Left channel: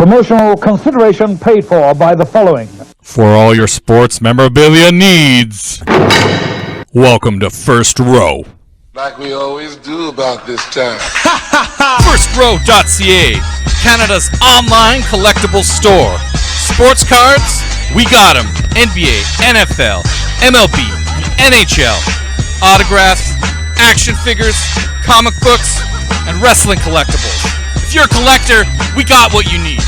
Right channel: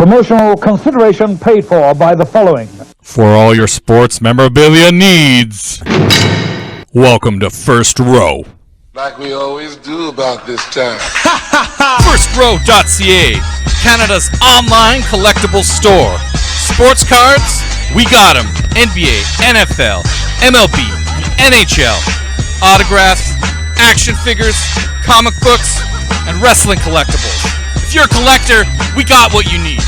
Promotional consideration paid for by the following. For all your sports memorabilia needs, welcome to First Row. Like we always do about this time. FirstRow.ca, Canada's online collectible store. Sports cards? We got them. NBA, NFL, MLB, NHL. Autographs, action figures, comic books, and wrestling collectibles. If you're a collector, we got what you need.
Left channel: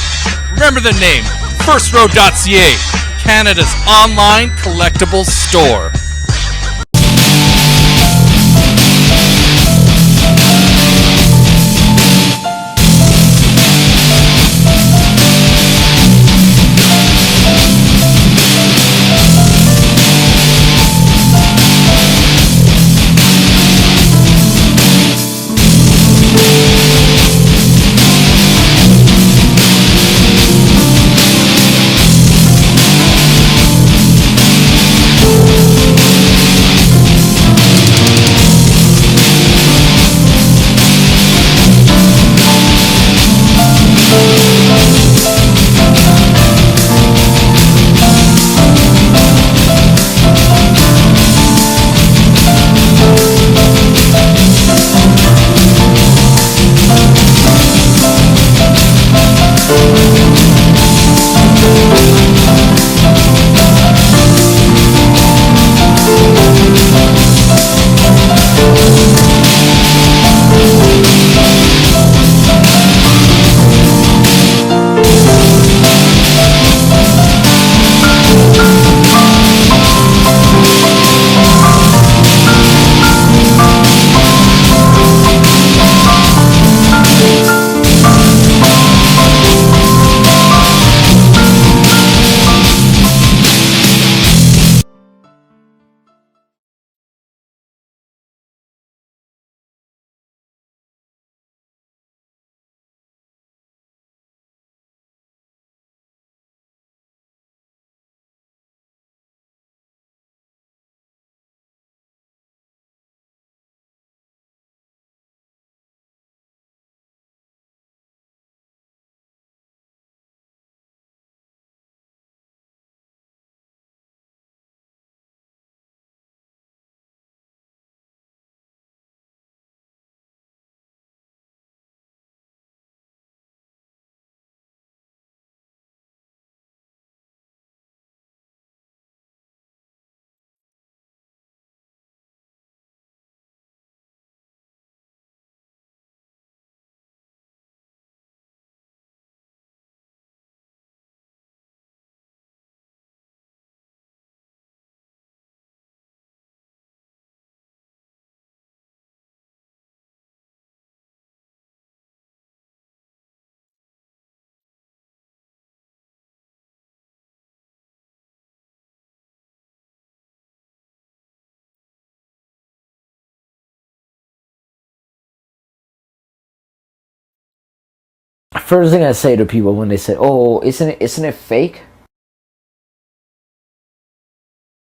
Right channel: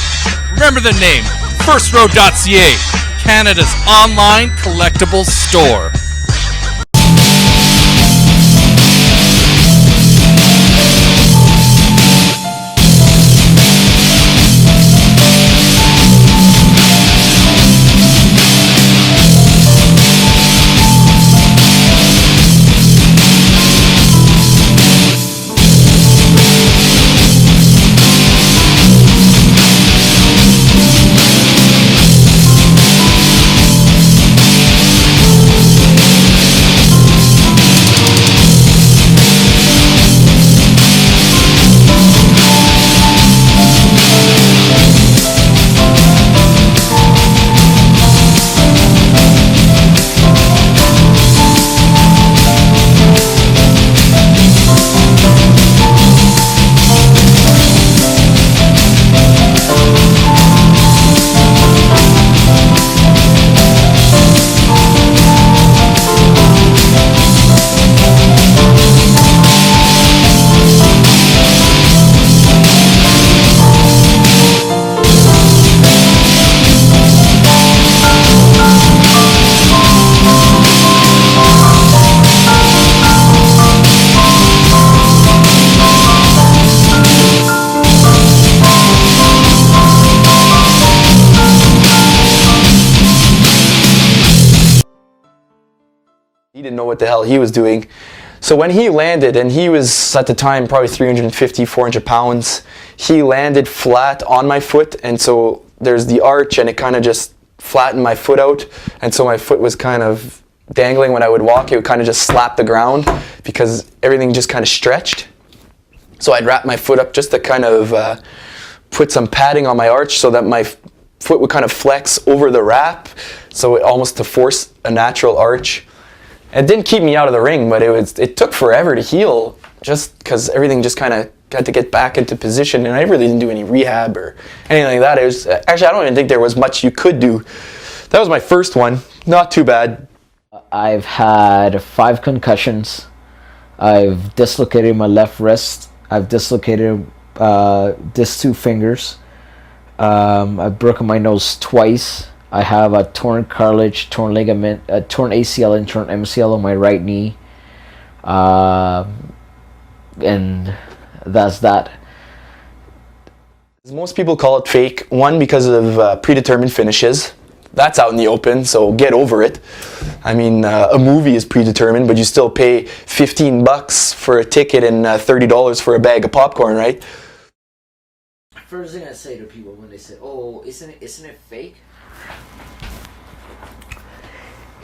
Remember the name, FirstRow.ca, Canada's online collectibles store. He didn't know what the hell he was doing. So when he landed, and he was at the time probably 350, 400 pounds, he landed flat on my foot, and so there's the arch, and it kind of just flattened my foot out, and so my foot was kind of dangling. When I would walk, it would kind of just slap the ground because everything just kind of stretched. So I'd wrap my foot up just to kind of put some padding on my arch so that my foot would kind of flex over the wrap, so it almost to force a natural arch. It didn't keep me out of the ring, but it took forever to heal just because everything just kind of got to get back into position, and I really didn't do any rehab or anything like that. It was actually, I don't even think there was much you could do. That was my first one. Not too bad. I've had 5 concussions. I've dislocated my left wrist. I've dislocated these 2 fingers. I've broken my nose twice. I have a torn cartilage, torn ligament, a torn ACL and torn MCL on my right knee. And that's that. Most people call it fake. One, because of predetermined finishes. That's out in the open, so get over it. I mean, a movie is predetermined, but you still pay $15 for a ticket and $30 for a bag of popcorn, right? First thing I say to people when they say, "Oh, isn't it fake?"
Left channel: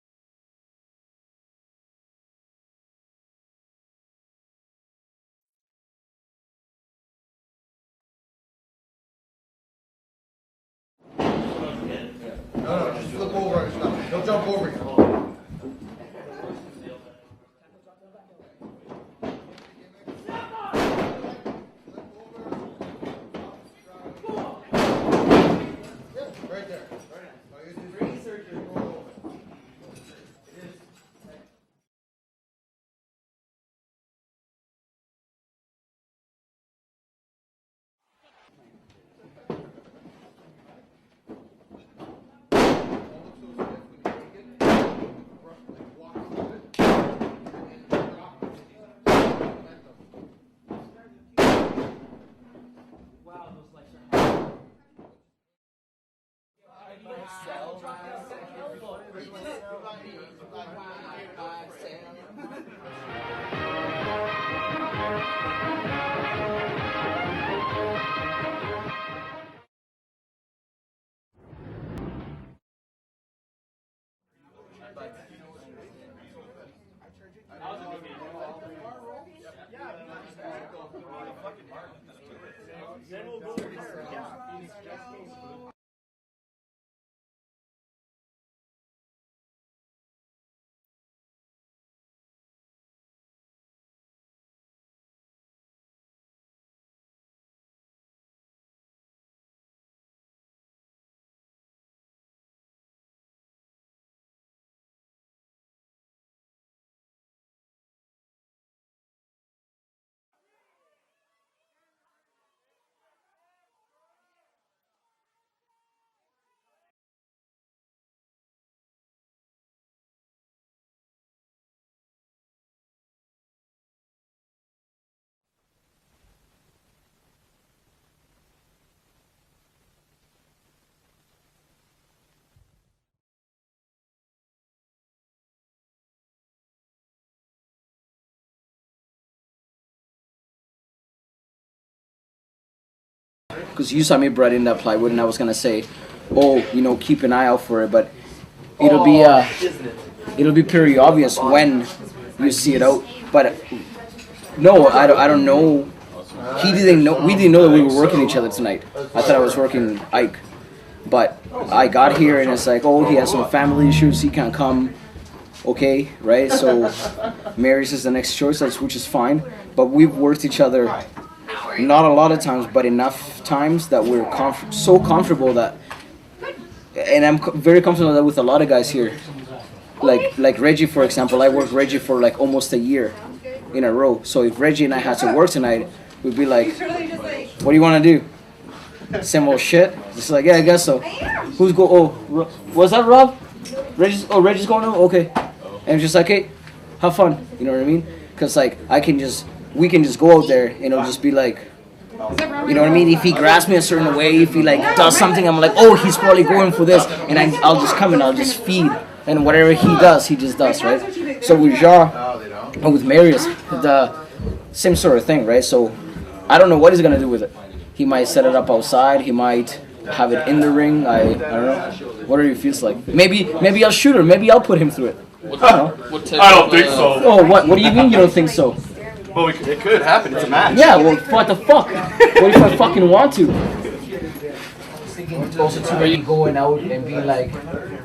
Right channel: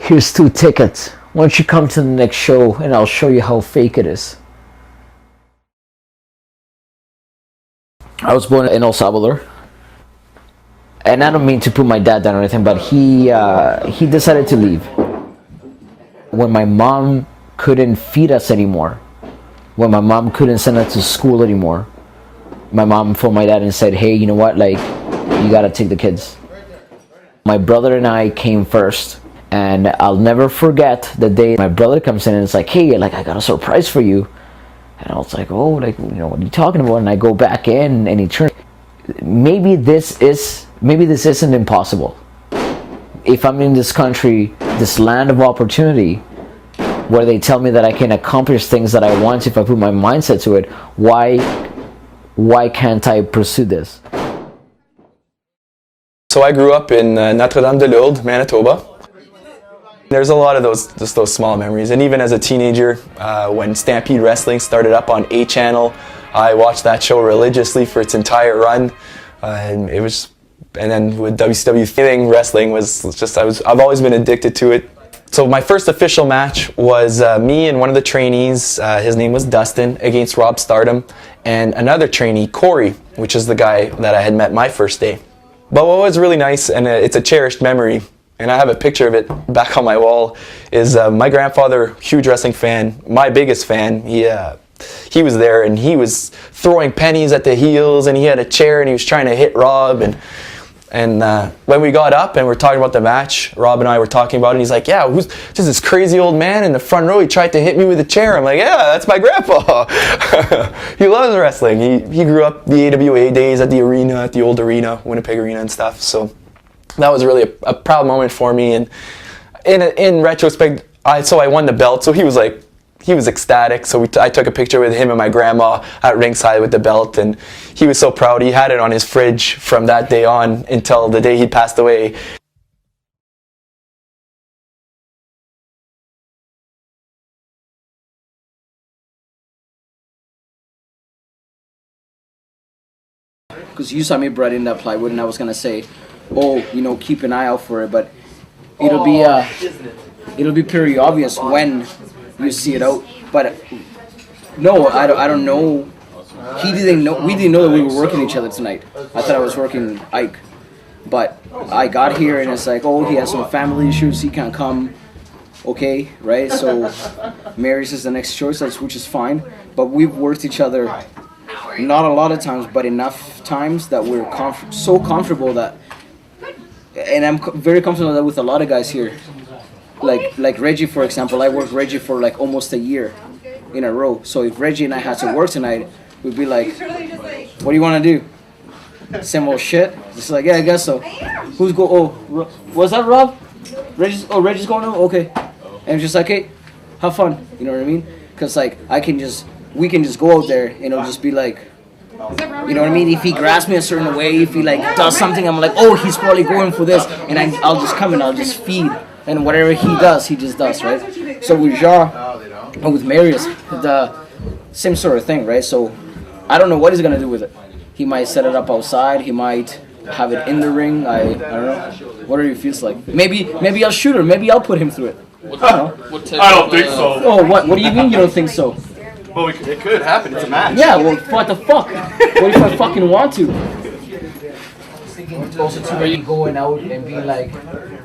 Here's 2 tickets. Why don't you come to the next show and I'll show you how fake it is. I was born in El Salvador. And I don't mean to put my dad down or anything, but he decided to leave. When my mom couldn't feed us anymore, when my mom couldn't send us to school anymore, my mom phoned my dad and said, "Hey, you know what, like, you gotta take the kids." My brother and I came first. And I'll never forget the day my brother comes in and it's like, "Hey, like, I got a surprise for you." And I was like, "Oh, like, you know, what are you talking about?" And I go back in and he turns. Maybe this isn't impossible. If I'm in this country, this land of opportunity, where they tell me that I can accomplish things that I want if I put my mindset to it, why can't I pursue this? So I grew up in Notre-Dame-de-Lourdes, Manitoba. There's a lot of those small memories, and even as a teenager, when Stampede Wrestling started up on A Channel, I watched that show religiously for its entire run, and then with WCW, wrestling was just I've always been addicted to it. So my first official match was me and one of the trainees, his name was Dustin, against Rob Stardom, and another trainee, Corey, which is the guy that I had met my first day. But what was really nice, and it's a cherished memory, and I have a picture of it back on my wall, is my grandfather, huge wrestling fan, my biggest fan. He was there, and he was throwing pennies at the heels, and he had a chair, and he was trying to hit Rob, and when we got up and we're talking about the match, Rob and I were talking about it, and he's like, yeah, who's just this crazy old man in the front row? He tried to hit me with a chair. I'm like, yeah, that's my grandpa. He loves wrestling. He grew up the AWA days at the arena, at the old arena, Winnipeg Arena and stuff. So that was really a proud moment for me. And in retrospect, I won the belt. So he was ecstatic. So I took a picture with him and my grandma at ringside with the belt, and he was so proud. He had it on his fridge from that day on until the day he passed away. Because you saw me brought in that plywood, and I was gonna say, oh, you know, keep an eye out for it, but it'll be pretty obvious when you see it out. But no, I don't know. We didn't know that we were working each other tonight. I thought I was working Ike, but I got here and it's like, oh, he has some family issues, he can't come. Okay, right? So Marius is the next choice, which is fine. But we've worked each other not a lot of times, but enough times that we're so comfortable that, and I'm very comfortable that with a lot of guys here. Like Reggie, for example, I worked Reggie for like almost a year in a row. So if Reggie and I had to work tonight, we'd be like, what do you want to do? Same old shit? Just like, yeah, I guess so. Who's go? Oh, was that Rob? Reggie's going on? Okay. And just like, hey, have fun. You know what I mean? Because like, we can just go out there and it'll just be like, you know what I mean? If he grabs me a certain way, if he like does something, I'm like, oh, he's probably going for this. And I'll just come and I'll just feed. And whatever he does, he just does, right? So with Ja and with Marius, the same sort of thing, right? So I don't know what he's gonna do with it. He might set it up outside. He might have it in the ring. I don't know. Whatever he feels like. Maybe I'll shoot her. Maybe I'll put him through it. I don't think so. Oh, what do you mean you don't think so? Well, it could happen. It's a match. Yeah, well, what the fuck? What if I fucking want to? Also, too, you going out and being like,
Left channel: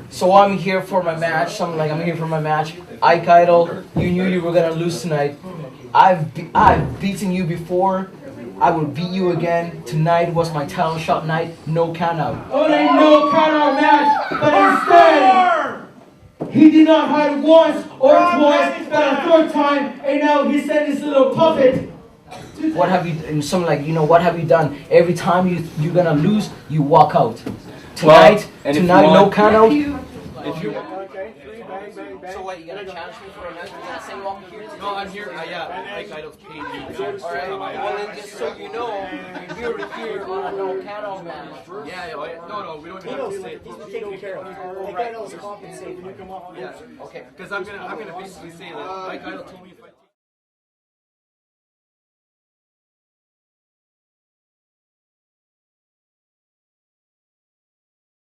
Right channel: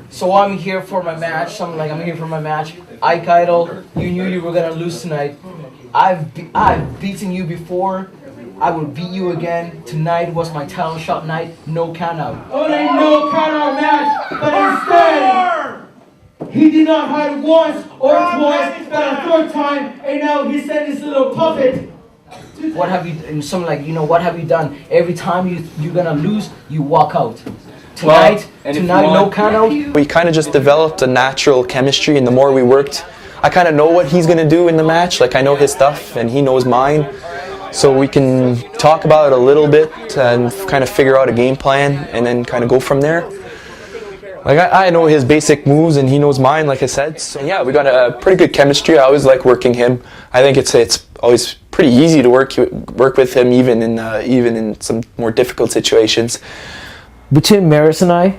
so I'm here for my match. Something like, I'm here for my match. Ike Idol, you knew you were gonna lose tonight. I've beaten you before. I will beat you again. Tonight was my title shot night. No count out. Oh, ain't no count out match, but instead, he did not hide once or twice, but a third time, and now he sent his little puppet. What have you? And something like, you know, what have you done? Every time you're gonna lose, you walk out. Tonight, no count out. We kind of just developed a natural chemistry, and the more we worked, I kind of know what he's gonna do in the match. Like, I know his stuff, and he knows mine. So we can talk about it a little bit and kind of figure out a game plan, and then kind of go from there. Like, I know his basic moves and he knows mine, like I said. So yeah, we got a pretty good chemistry. I always like working him. I think it's always pretty easy to work with him, even in some more difficult situations. Between Marius and I,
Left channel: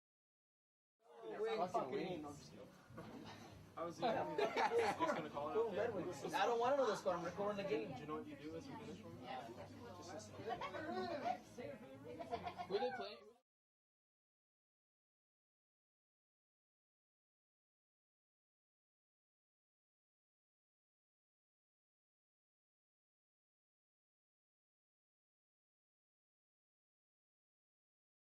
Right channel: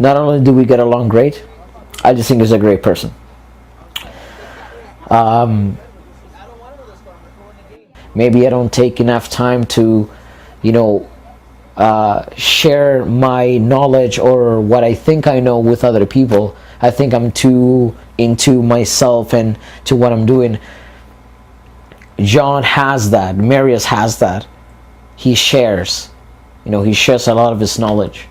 not only do we get along great, I just think he's a great person. Maybe I don't take enough time to, you know, share my knowledge or what I think I know with other people. I think I'm too into myself and to what I'm doing. John has that. Marius has that. He shares. You know, he shares a lot of his knowledge.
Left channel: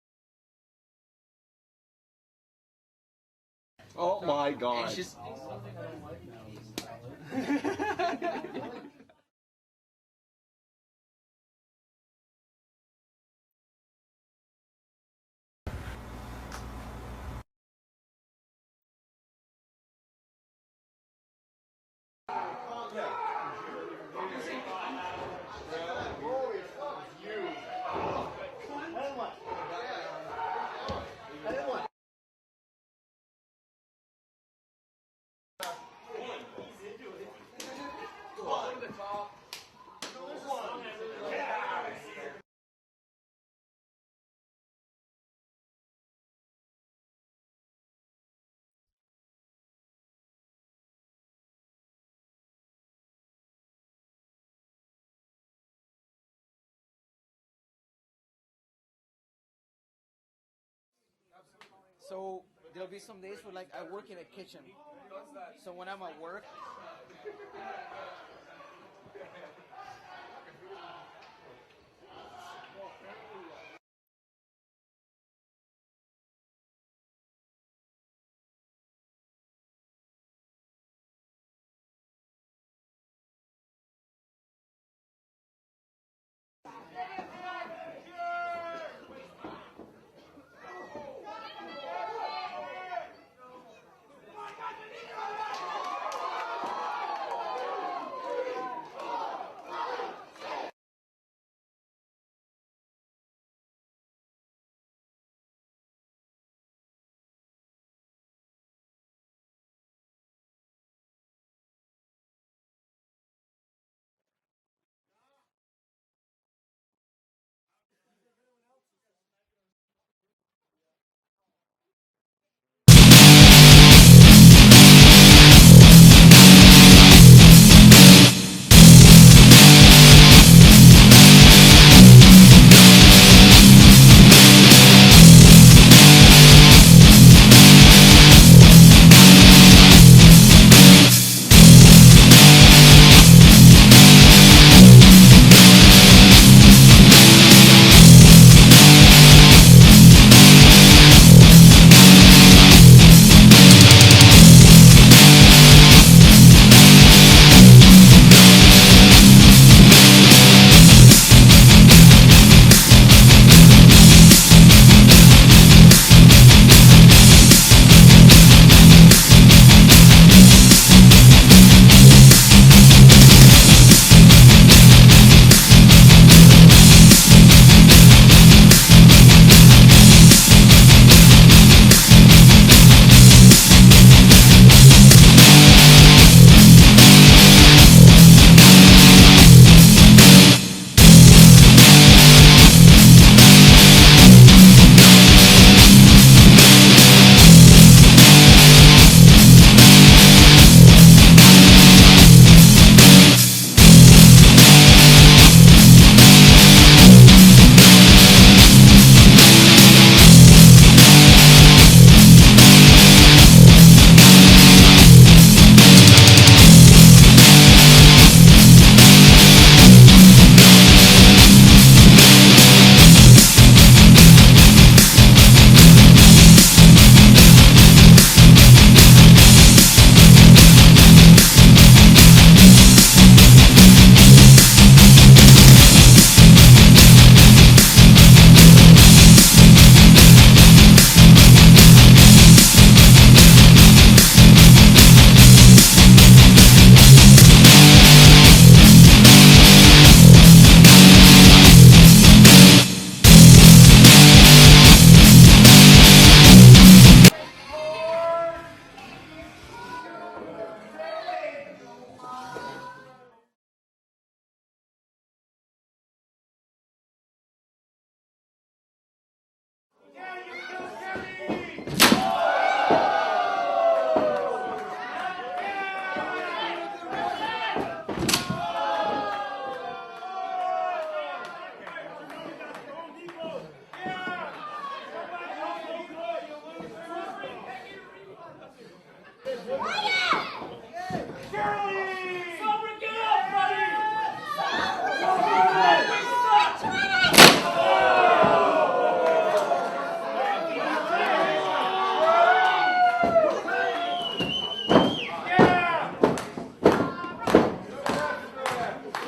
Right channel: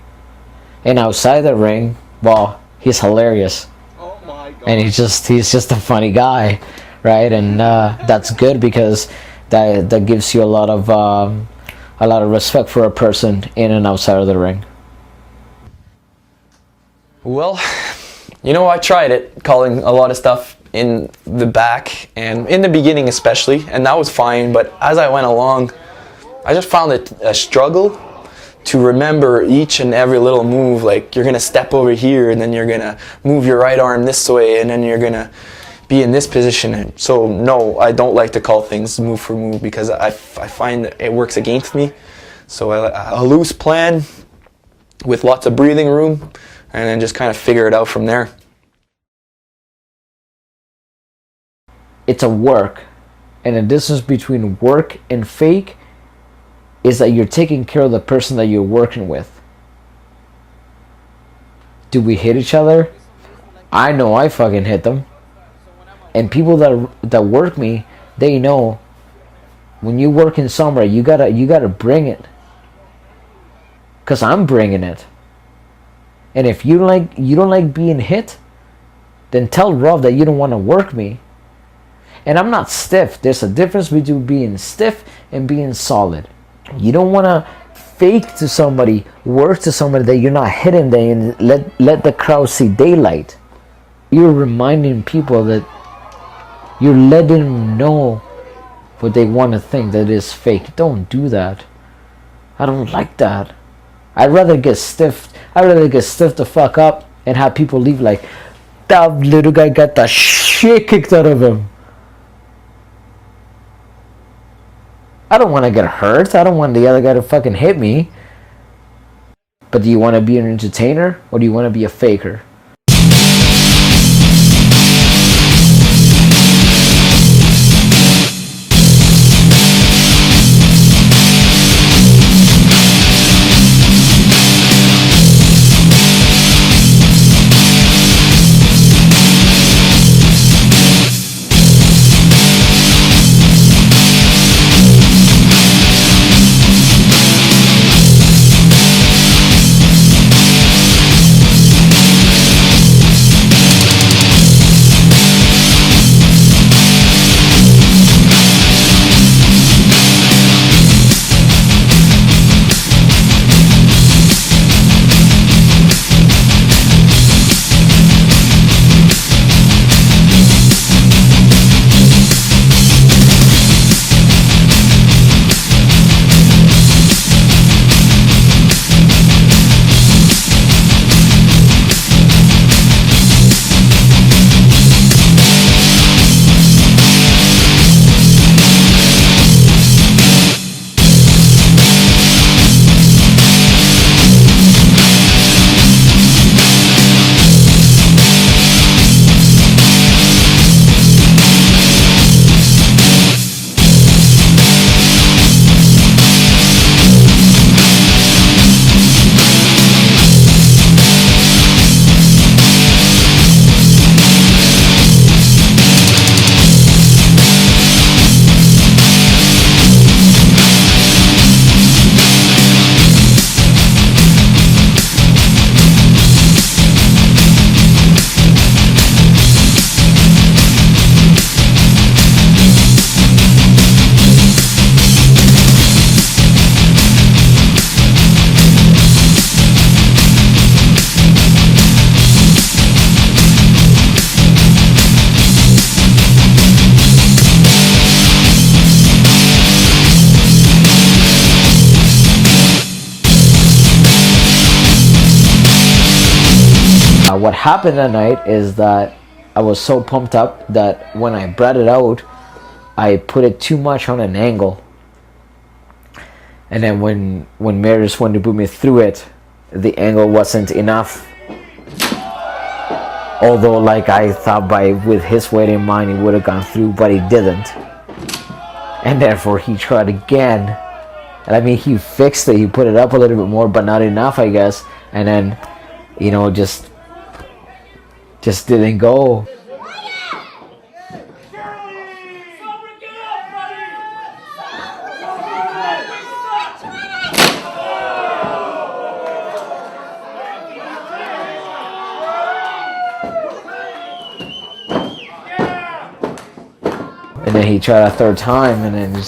And outside the ring, well, he's hilarious. Oh my God. And he's just a funny guy, right? And that's good because that gives you a lot of respect for a person in and outside of the ring. Well, you know, I tried it, calling a lot of stuff in the back, and in the beginning especially, and that was fine, but as I went along, I just found it a struggle to remember each and every little move. Like, you're gonna step over here, and then you're gonna move your right arm this way, and then you're gonna be in this position. So no, I don't like to call things move for move because I find it works against me. So a loose plan with lots of breathing room, and then just kind of figure it out from there. it's a work. And the difference between work and fake is that you're taking care of the person that you're working with. Do we hit each other? I know I fucking hit them. And people that work me, they know when you work in Sombra, you gotta bring it. Cause I'm bringing it. And if you don't like being hit, then tell Rob that you don't want to work me. And I'm not stiff. There's a difference between being stiff and being solid. You don't want to fake to somebody, work to somebody that you're not hitting them and let the crowd see daylight. You're reminding people that you're letting them know what they want to think that is fake. Don't do that. I don't like that. I'd rather get stiffed the fuck up and have people leave like, that little guy got the shit kicked out of him. I don't want to get hurt. I don't want the other guy to fucking hit me. But do you want to be an entertainer or do you want to be a faker? What happened that night is that I was so pumped up that when I brought it out, I put it too much on an angle. And then when Marius wanted to put me through it, the angle wasn't enough. Although, like, I thought with his weight in mind, he would have gone through, but he didn't. And therefore, he tried again. And I mean, he fixed it. He put it up a little bit more, but not enough, I guess. And then, you know, just didn't go. And then he tried a third time, and then it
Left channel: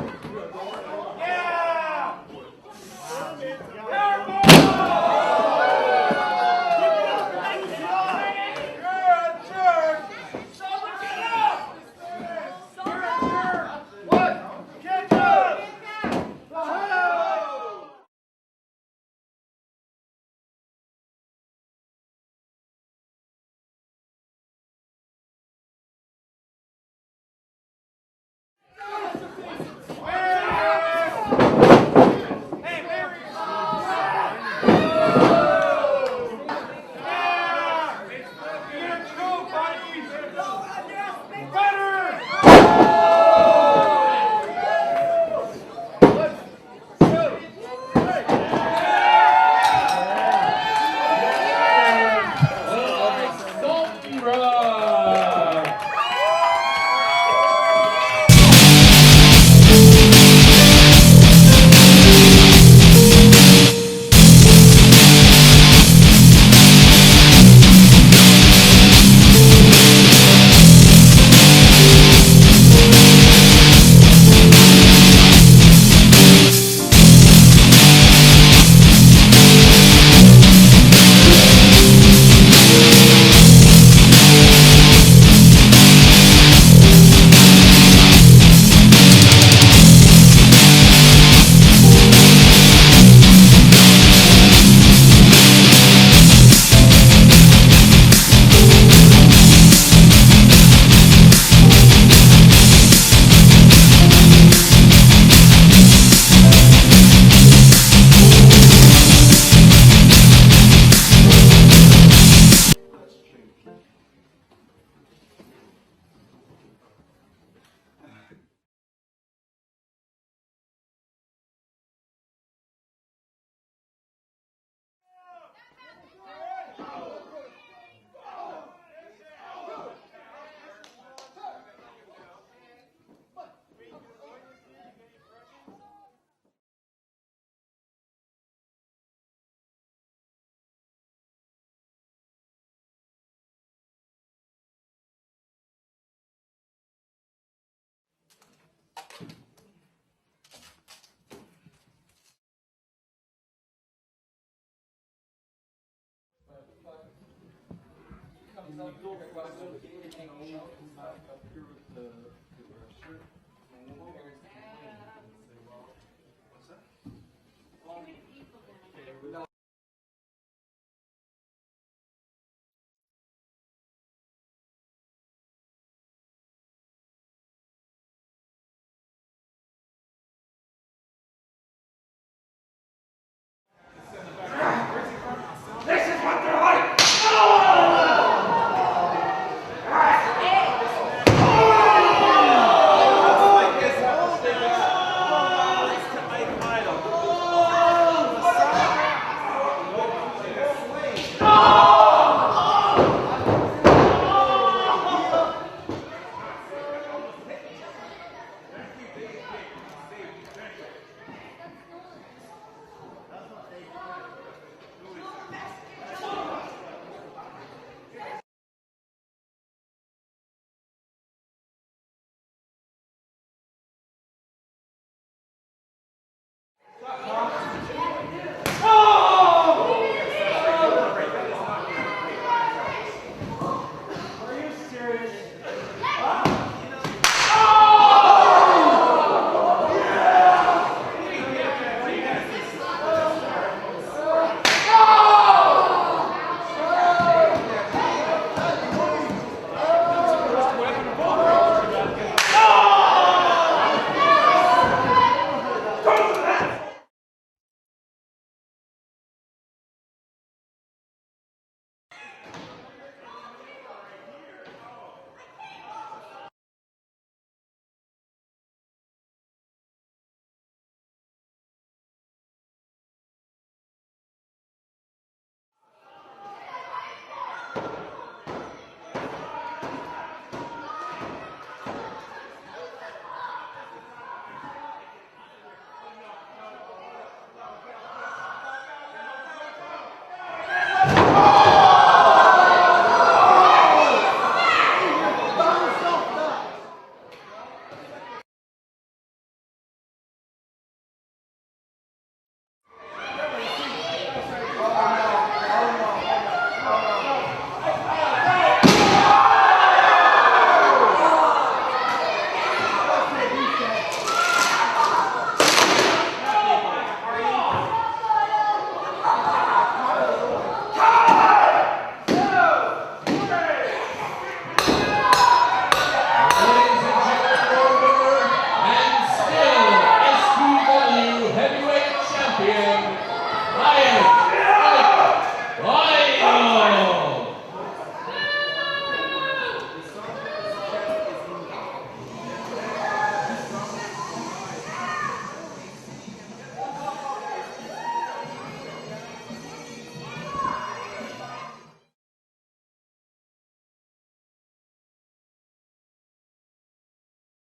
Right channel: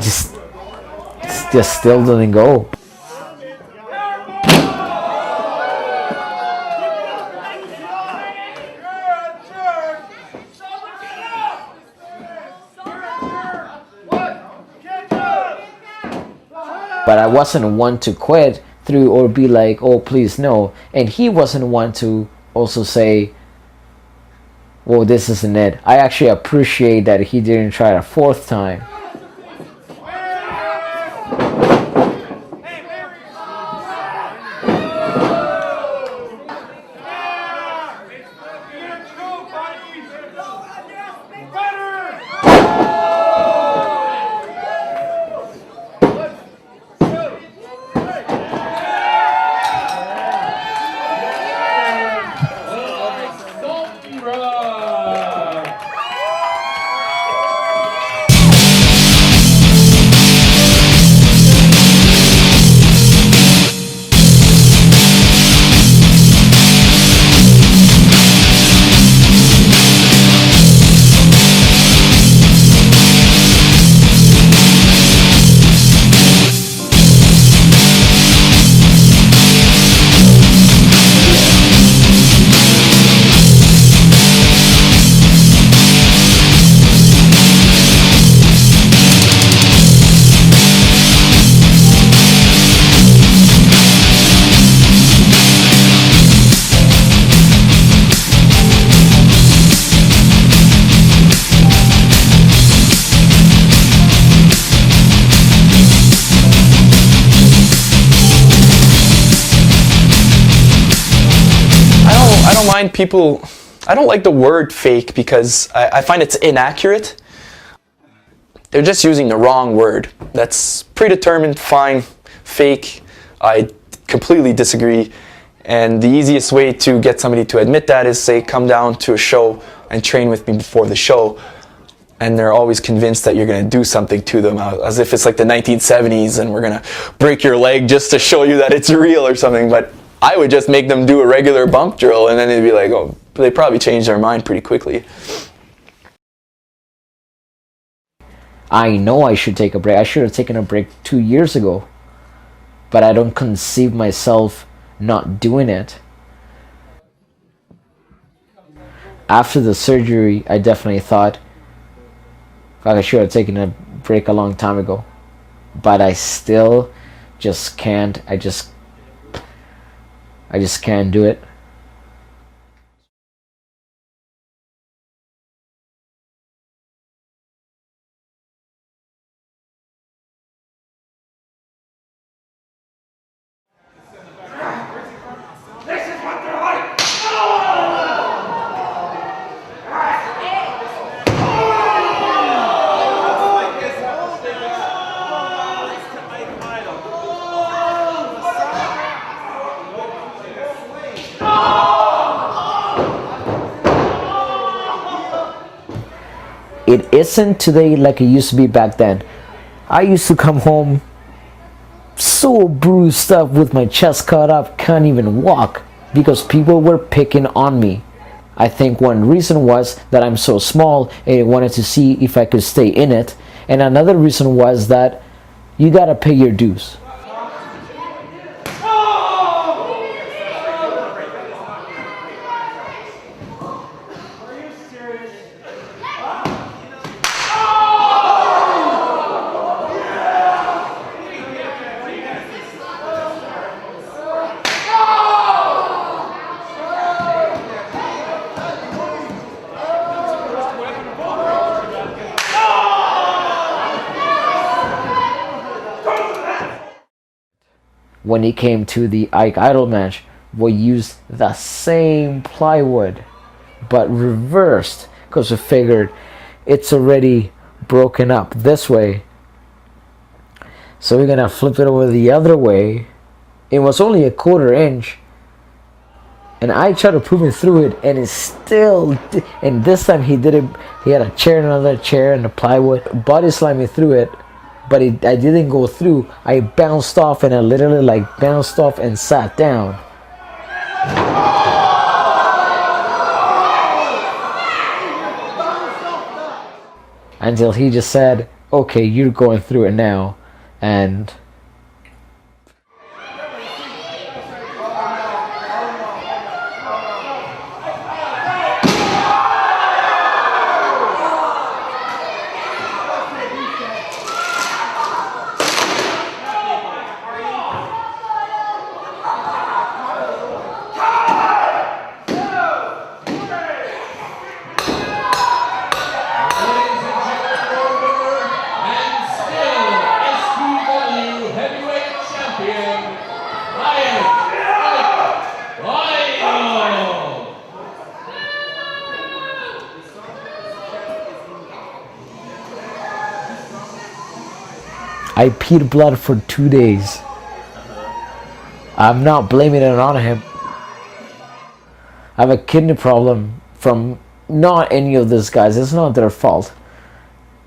just still didn't go. But I wasn't one to quit through or be like, oh, please no. And he wasn't one to also say, well, this isn't it. I actually appreciate that he didn't try a fourth time. people, I don't like the word fake because I find it's inaccurate. They're just using the wrong word. That's predetermined, fine. Fake, I completely disagree. And the easiest way to get somebody to admit that is say, come down to a show and train with me before the show. And they're always convinced that you're going to do something to them, as if it's like the 1970s and we're going to break your leg just to show you that it's real or something. But I would just make them do a regular bump drill and then they'd be like, oh, they probably change their mind pretty quickly. I know I should take a break. I should have taken a break 2 years ago. But I don't conceive myself not doing it. After the surgery, I definitely thought, I should have taken a break a long time ago. But I still just can't. I just can't do it. It isn't today like it used to be back then. I used to come home so bruised up with my chest cut up, can't even walk because people were picking on me. I think one reason was that I'm so small and I wanted to see if I could stay in it. And another reason was that you gotta pay your dues. When it came to the Ike Idol match, we used the same plywood, but reversed, because we figured it's already broken up this way. So we're gonna flip it over the other way. It was only a 1/4 inch. And I tried to prove it through it, and it still, and this time he did it, he had a chair, another chair, and a plywood, body slammed me through it. But I didn't go through. I bounced off and I literally like bounced off and sat down. Until he just said, okay, you're going through it now. And I peed blood for 2 days. I'm not blaming it on him. I have a kidney problem from not any of these guys. It's not their fault.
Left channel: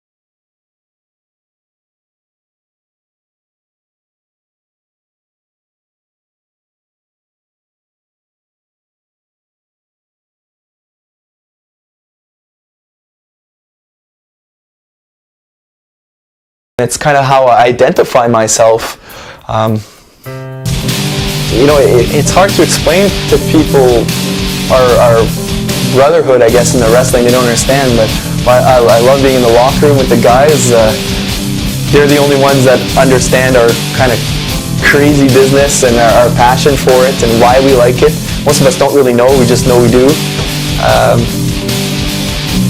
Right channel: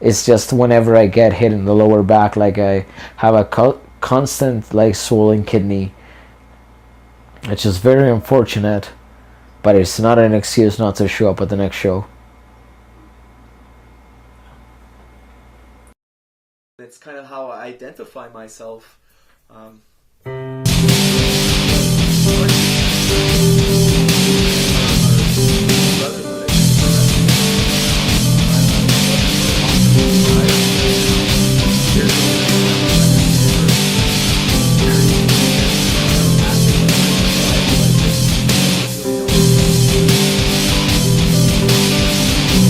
It's just whenever I get hit in the lower back, like I have a constant like swollen kidney, which is very unfortunate, but it's not an excuse not to show up at the next show. It's kind of how I identify myself. You know, it's hard to explain to people our brotherhood, I guess, in the wrestling. They don't understand, but I love being in the locker room with the guys. They're the only ones that understand our kind of crazy business and our passion for it and why we like it. Most of us don't really know, we just know we do.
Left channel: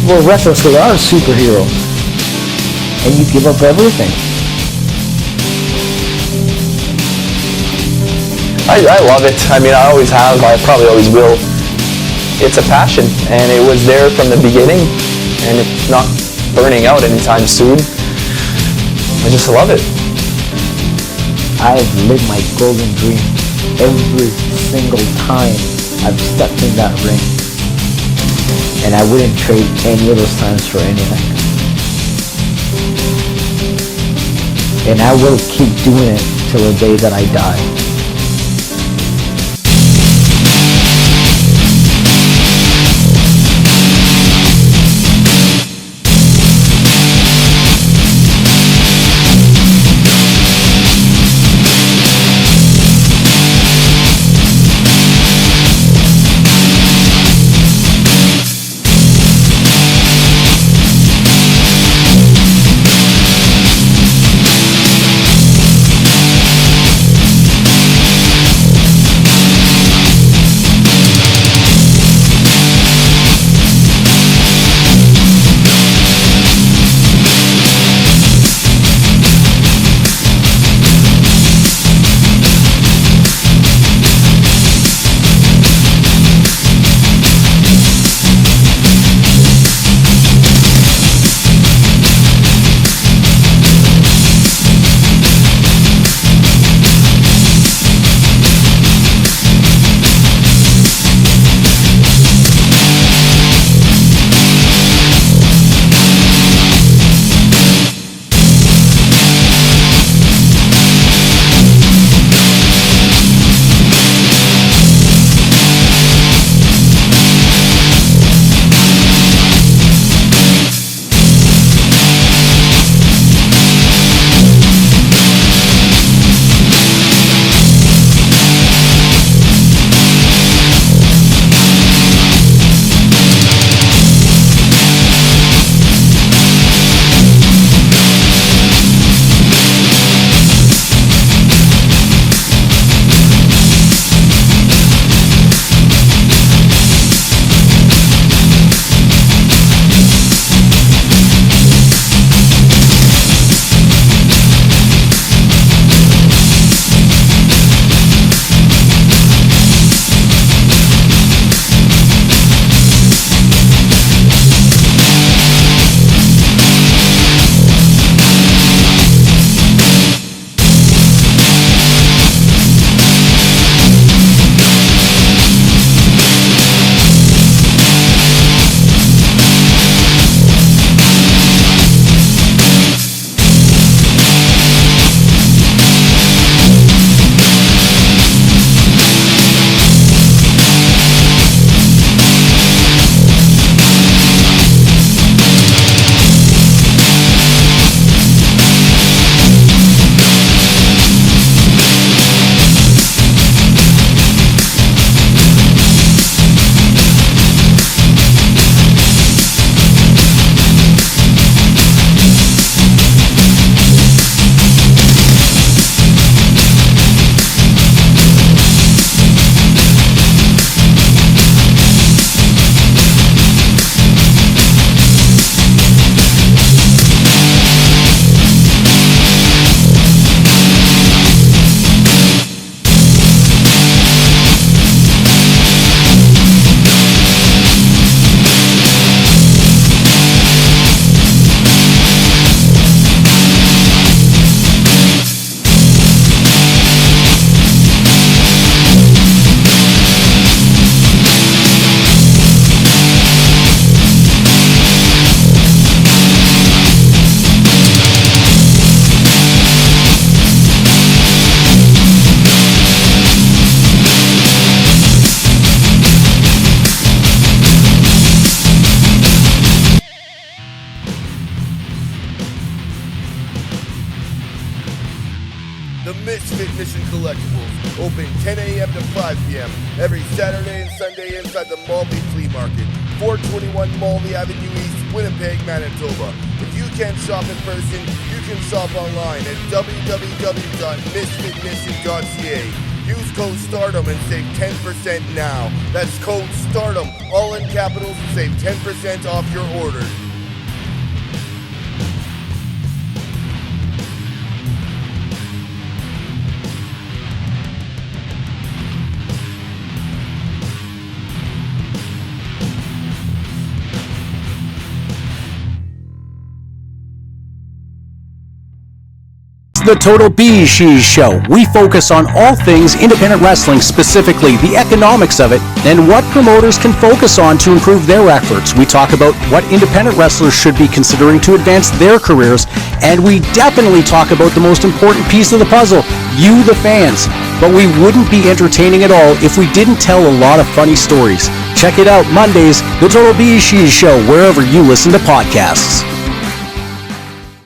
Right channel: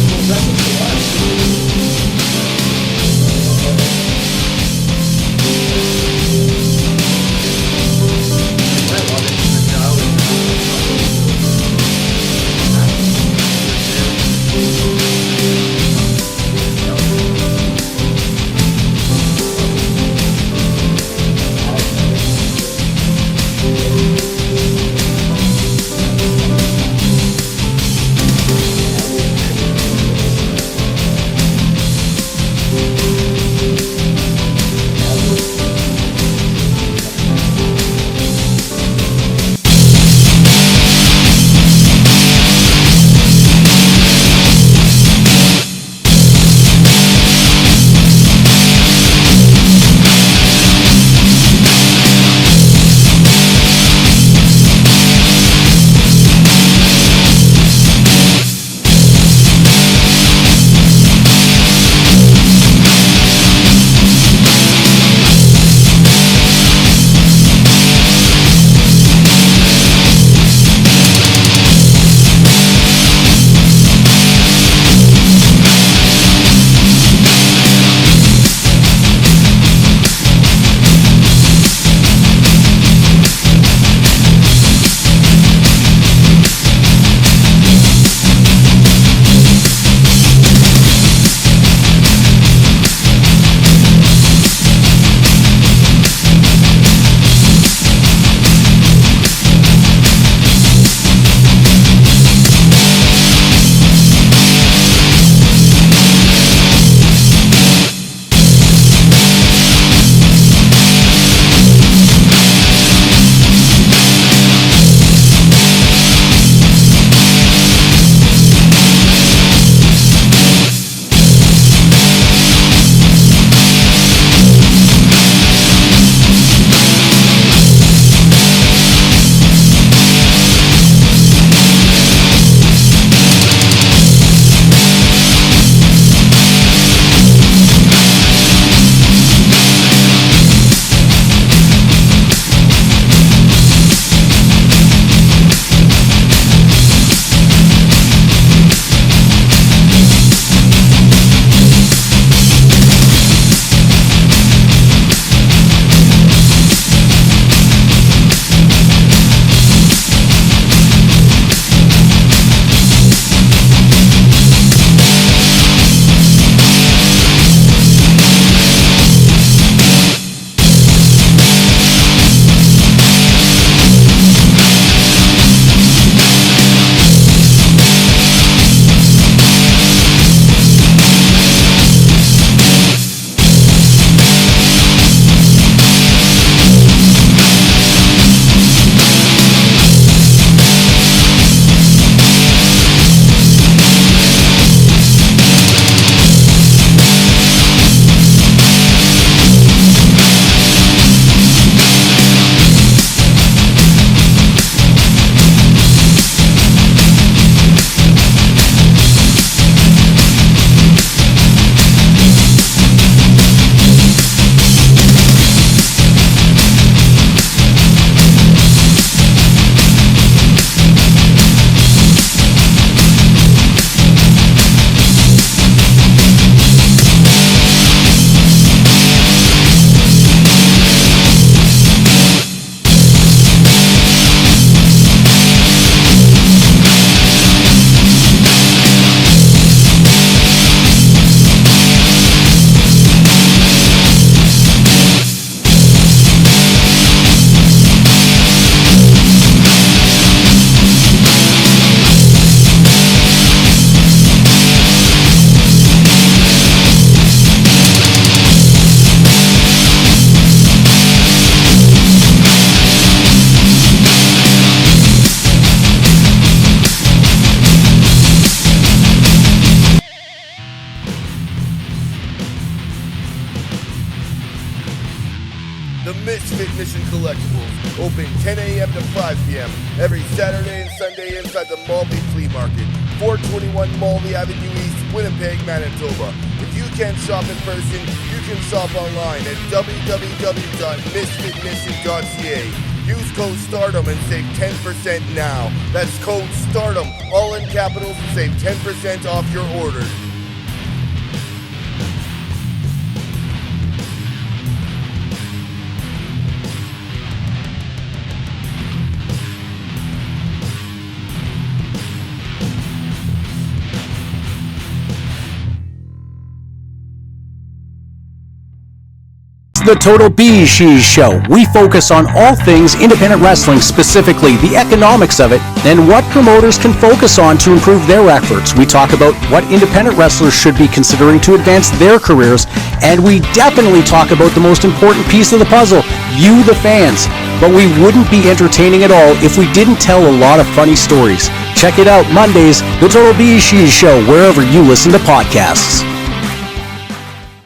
Well, wrestlers are a superhero. And you give up everything. I love it. I mean, I always have. I probably always will. it's a passion, and it was there from the beginning, and it's not burning out anytime soon. I just love it. I've lived my golden dream every single time I've stepped in that ring, and I wouldn't trade any of those times for anything. And I will keep doing it till the day that I die. The Misfit Mission Collectibles, open 10 a.m. to 5 p.m. every Saturday and Sunday inside the Malby Flea Market, 421 Malby Avenue East, Winnipeg, Manitoba. If you can't shop in person, you can shop online at www.misfitmission.ca. Use code STARDOM and save 10% now. That's code STARDOM, all in capitals, and save 10% off your order. The Total B She's Show. We focus on all things independent wrestling, specifically the economics of it and what promoters can focus on to improve their efforts. We talk about what independent wrestlers should be considering to advance their careers, and we definitely talk about the most important piece of the puzzle, you the fans. But we wouldn't be entertaining at all if we didn't tell a lot of funny stories. Check it out Mondays, The Total B She's Show, wherever you listen to podcasts.